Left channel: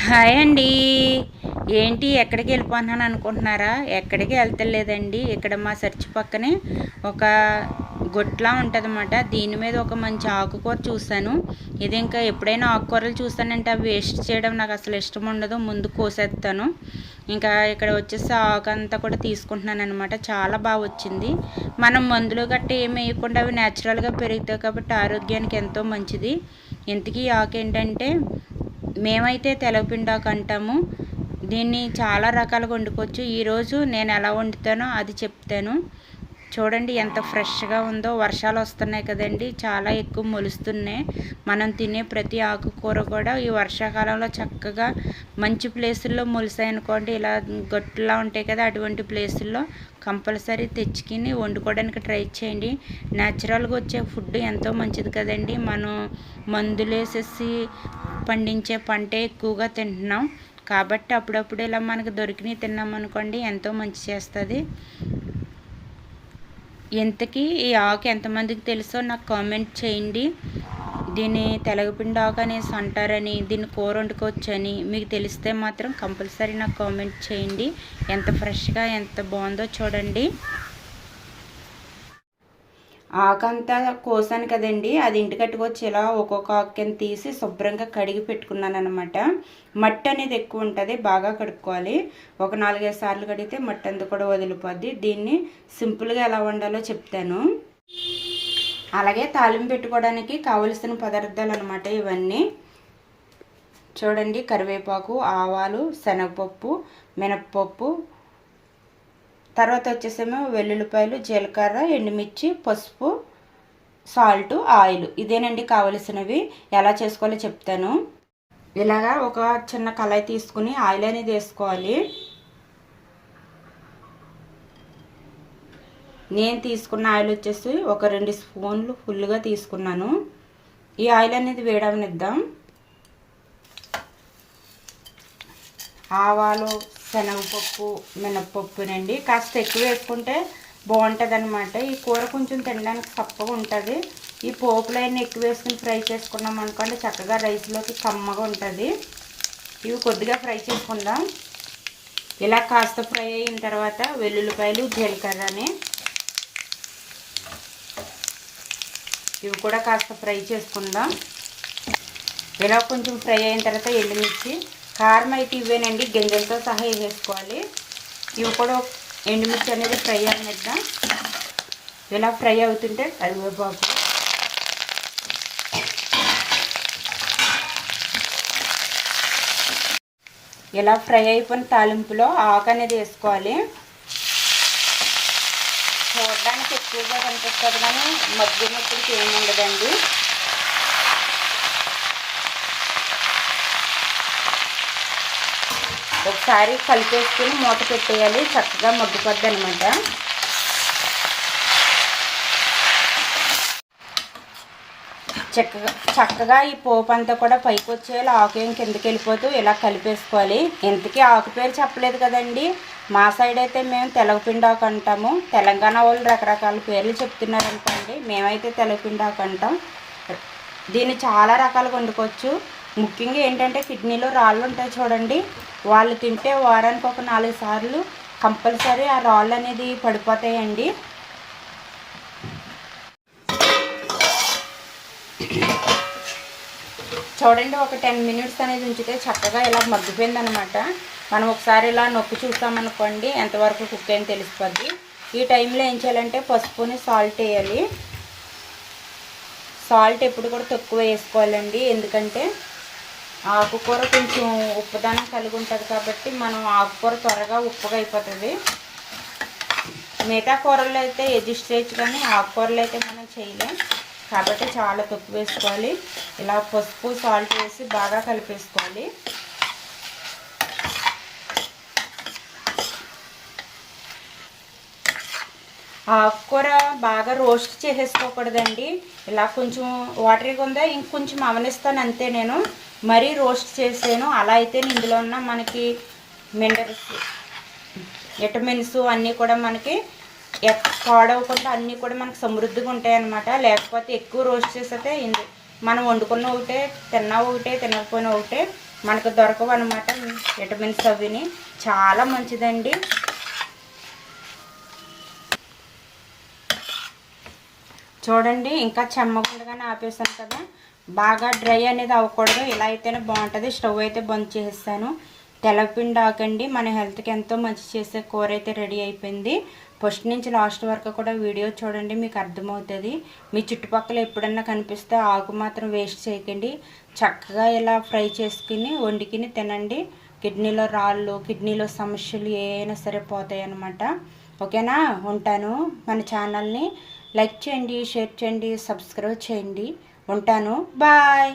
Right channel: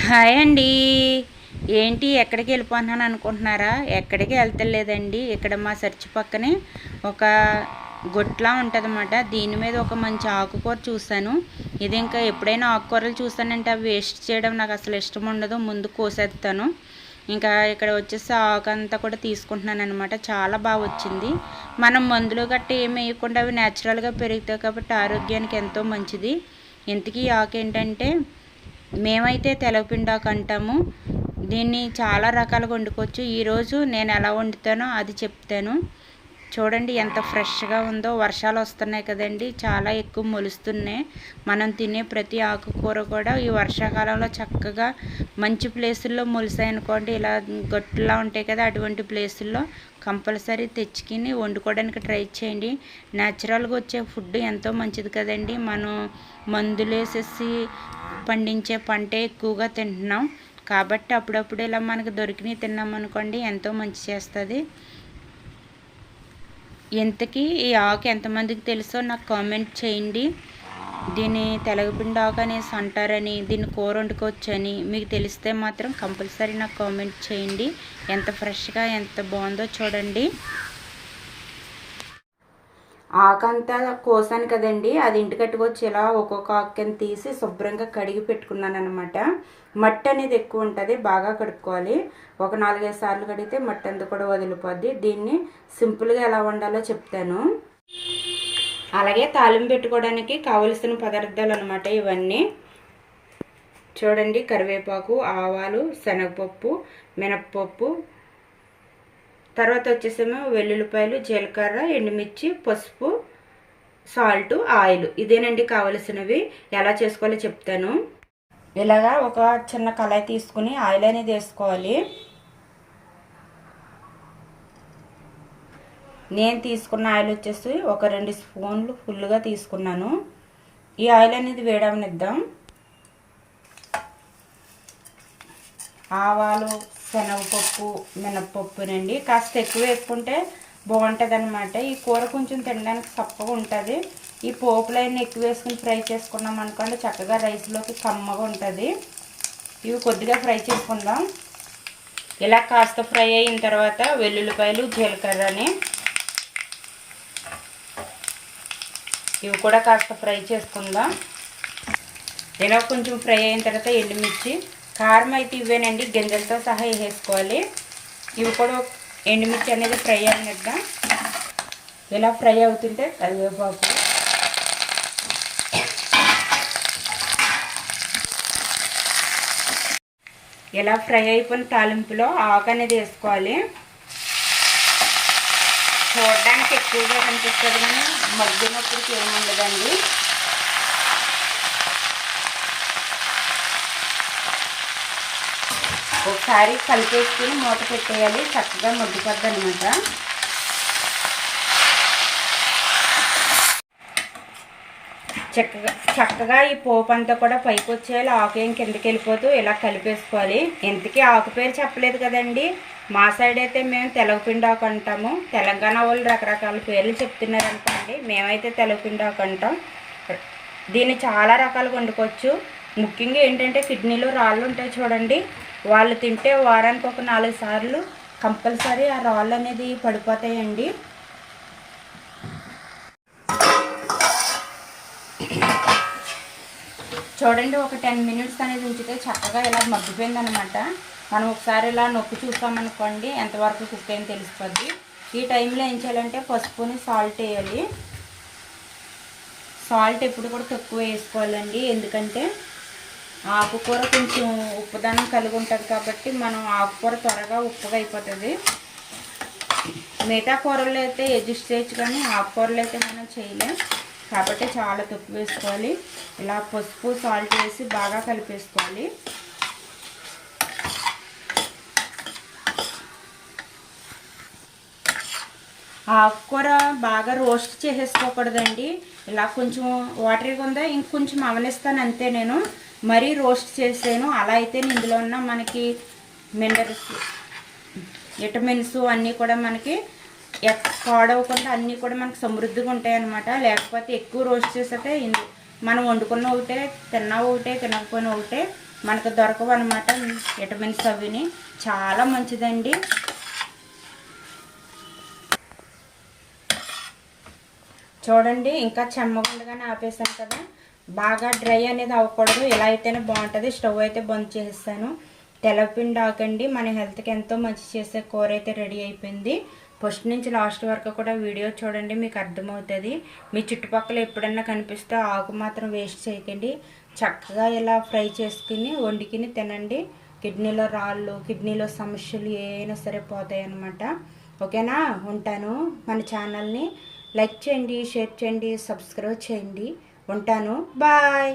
Hi అండి. ఏంటి ఎక్కడికి వెళ్ళిపోతున్నాను అనుకుంటున్నారా? ఎక్కడికి వెళ్తలేదండి. ఇక్కడ మా చర్చి పక్కనే ఒక గొట్లా ఉంటుందన్నమాట. దీని మీద ఒక మంచి ఆకుకూర చూశాను. ఇది ఇంకా ఎప్పుడైనా ఆకుకూరలు చూస్తానంటే అవి వేస్ట్ చేయడం నాకు అసలు ఇష్టం ఉండదు. ముందు కోసేస్తాను. ఇంకా ఇక్కడ వచ్చేసి ఆకు అంతా కూడా తీసుకుంటున్నాను అనమాట చాలా బాగా వచ్చింది. మనం మందులు గట్ట ఏమి వేయకుండా అవి న్యాచురల్గా పెరుగుతాయి కాబట్టి ఆరోగ్యానికి ఎంతో మంచిది. ఇంతకీ ఈ ఆకు ఏంటంటే మేమైతే తెలవపిండాకు అంటాము దీన్ని చాలా రకాలుగా వండుకోవచ్చు. ఈరోజు నేను ఎలా వండుతానో అది చెప్తాను. చూడండి ఎంత ఫ్రెష్గా ఉందో. వర్షాలు వస్తున్నాయి కదండి. చాలా ఎక్కువ మొలుస్తున్నాయి. మనం తినే ప్రతి ఆకుకూర కూడా ఈ వర్షాకాలంలో చక్కగా మంచి ప్లేసుల్లో మొలిసాయి అనుకోండి ఇలా గొట్టులా ఉంటాయి కదా అటువంటి ప్లేసుల్లో కంపల్సరీ తెచ్చుకుని వండుకోవడానికి ట్రై చేయండి. న్యాచురల్గా వచ్చే ఫుడ్ ఎంతో మంచిది కదండి. మనం మందులు వేసేసి పండించే పంటే ఎక్కువగా తింటున్నాం. కాబట్టి అప్పుడప్పుడు ఇలా మనకు దొరికినవి తిన్నాం అనుకోండి ఎంతో మంచి చేస్తుంది. ఇంతకీ ఈ ఆకు ఎంతమందికి తెలుసో నాకు కామెంట్ చేయండి. దీన్ని తెలగపిండి ఆకు అనేసి అంటారని దీన్ని కూర వండుకోవచ్చని మీకు తెలిస్తే మాత్రం కంపల్సరీ నాకు కామెంట్ చేయండి. ఎంత ఫ్రెష్గా ఎంత బాగుందో చూడండి. ఆకంతా కోసాను కదండి. అది ఇంటి కట్టుకొచ్చి ఇలా ఒక్కొక్క ఆకుని తీసి శుభ్రంగా కడిగి పెట్టుకున్నాను అనమాట మట్టి అనేది ఎక్కువ ఉంటుంది బాగా కడుక్కోవాలి. ఒక నాలుగైదు సార్లు కడిగితే మట్టి అంతా కూడా వదిలిపోద్ది. దీన్ని సింపుల్గా ఎలా వండాలో చెప్తాను. అలాగే తాలింపు పెట్టుకోవడానికి కావలసిన పదార్థాలు అనమాట ఇవన్నీ. చూడండి కరివేపాకు ఆవాలు శనగపప్పు మినప్పప్పు తర్వాత వచ్చేసేమో వెల్లుల్లిపాయలు జీలకర్ర ఎండుమిర్చి పసుపు సాల్ట్ ఆయిల్. ఇదేనండి కావలసినవి. ఎలా చేసుకోవాలో చెప్తాను. ఇలాగా ఒక చిన్న కళాయి తీసుకుని ఆయిల్ అనేది వేసుకోవాలి. నేను తీసుకున్న ఆయిల్ వచ్చేసి ఒక రెండు స్పూన్లు ఫుల్గా తీసుకున్నాను. ఈ ఆయిల్ అనేది వేడవనిద్దాం. ఆవాలు శనగపప్పు మినప్పప్పునండి కాస్త ఎక్కువ వేసుకుంటే బాగుంటుంది అనమాట ఈ కూర కొంచెం తినడానికి తప్పగా ఉంటుంది. ఈ పోపులైన ఎక్కువ వేసుకుని ఫ్రై చేసుకున్నాం అనుకోండి చక్కగా రైస్లోకి కమ్మగా ఉంటుంది. ఇవి కొద్దిగా ఫ్రై చేసుకుందాం. ఇలా కాస్త ఫ్రై అయిన తర్వాత వెల్లుల్లిపాయలు జీలకర్రని ఇవి కూడా కాస్త ఫ్రై చేసుకుందాం. ఇలా కొంచెం ఫ్రై అయిన తర్వాత ఎండుమిర్చి కారం అయితే ఇవేనండి గింజలతో సహా వేసేసుకోవాలి. ఇవి కూడా ఎండుమిర్చి అనేది ఫ్రై అనిద్దాం ఇలా ఫ్రై అవుతుంటే కరివేపాకు. ఇలా ఫ్రై అయిపోయిన తాలింపులో ఆకు అనేది వేసుకోవాలి. చూడడానికి ఎక్కువగా కనిపిస్తుంది కానీ మగ్గినప్పుడు ఏమి ఉండదండి. ఒకసారి కలిపేసుకుని మూత పెట్టేయాలి. చక్కగా మగ్గిపోద్ది అనమాట చక్కగా చక్కగా ఈ పోపు అంతా కూడా పైకి వచ్చేయాలి ఆకు ఏం కిందకి వెళ్ళిపోతూ ఇలా కలిపేసుకోవాలి. ఇంతకీ ఆకు పేరు చెప్పలేదు కదండి. మా సైడ్ అయితే మేము తెలగపిండాకు అంటాము. తెలంగాణ వాళ్ళు రకరకాల పేర్లు చెప్తున్నారు అనుకోండి మేమైతే తెలగపిండాకు అంటాం. దీన్ని చాలా రకాలుగా వండుకోవచ్చు. ముఖ్యంగా ఏంటంటే కిడ్నీలో రాళ్ళు ఉంటాయి చూడండి. వాళ్ళు తింటే వారానికి ఒక నాలుగు సార్లు కంపల్సరీ ఆ రాళ్ళు అనేది పడిపోతాయండి. చూడండి ఒక టెన్ మినిట్స్ అనేది ఉంచితే చక్కగా ఇలా మగ్గిపోయింది అనమాట మనం ఒకసారి ఇలా నొక్కి చూస్తామనుకోండి ఎంతవరకు కుక్ అయింది తెలిసిపోద్ది. ఈ టైంలో ఏం చేయాలంటే పసుపుని సాల్ట్ వేయాలి. సాల్ట్ ఎప్పుడు కూడా తక్కువ వేసుకోవాలండి. ఎందుకంటే ఆకుకూర కొంచెం ఉప్పుదనం కలిగి ఉంటుంది కాబట్టి మనం ఆకుకూర త్వరగా ఉప్పుగా అయిపోతుంది. మిగతా కూరలు అయితే ఎడ్జస్ట్ చేయొచ్చు కానీ ఆకుకూరలు అయితే మనం చేయలేం. కాబట్టి చాలా తక్కువ వేసుకోవాలి. ఇలా పసుపు సాల్ట్ వేసి బాగా కలిపేసుకోవాలి. ఆకుకూర బాగా రోస్ట్ చేసేసుకోకూడదండి. ఇలా కొంచెం వాటర్గా ఉందా? ఇంకొంచెం అవనిస్తాను అంతే నేను. మరీ రోస్ట్ చేసాను. అలా అయితే ఇందులో ఉన్న మనకి మినరల్స్ విటమిన్స్ అన్నీ కూడా మనకి పాడవకుండా అన్నీ కూడా మనకి సమృద్ధిగా ఉంటాయి అన్నమాట. లేకపోతే ఎక్కువ రోస్ట్ చేస్తే ఇందు మనం వండుకున్న ఒకటే తిన్నా ఒకటే తినకపోయినా ఒకటే మనకు దొరకవు అనమాట విటమిన్స్ అవిని. చాలా మంచిదండి. చూడండి ఇంకా చెమ్మగుండగానే ఆపేసాను కదా. బాగా డ్రై అనేది అవ్వకూడదు. ఇలా అయితేనే బాగుంటుంది. స్టవ్ అయితే బంద్ చేసేస్తాను తెలపిండి ఆకండి మన హెల్త్కి ఎంతో మంచి చేసే కూర అయితే రెడీ అయిపోయింది. ఫస్ట్ నుంచి లాస్ట్ వరకు కూడా వీడియో చూడండి మీకు అర్థమవుతుంది. మీ చుట్టుపక్కల ఎప్పుడన్నా కనిపిస్తే ఆకు మాత్రం వేస్ట్ చేయకండి. చక్కగా ఇలా ఫ్రై చేసుకుని వండుకుని తినండి. కిడ్నీలో రాళ్ళు కిడ్నీలో సమస్యలు ఏమైనా సరే పోతాయి అన్నమాట ఓకేనా? ఉంటాను. మన ఛానల్ని లైక్ చేయండి షేర్ చేయండి సబ్స్క్రైబ్ చేయండి. ఉంటాను. బాయ్.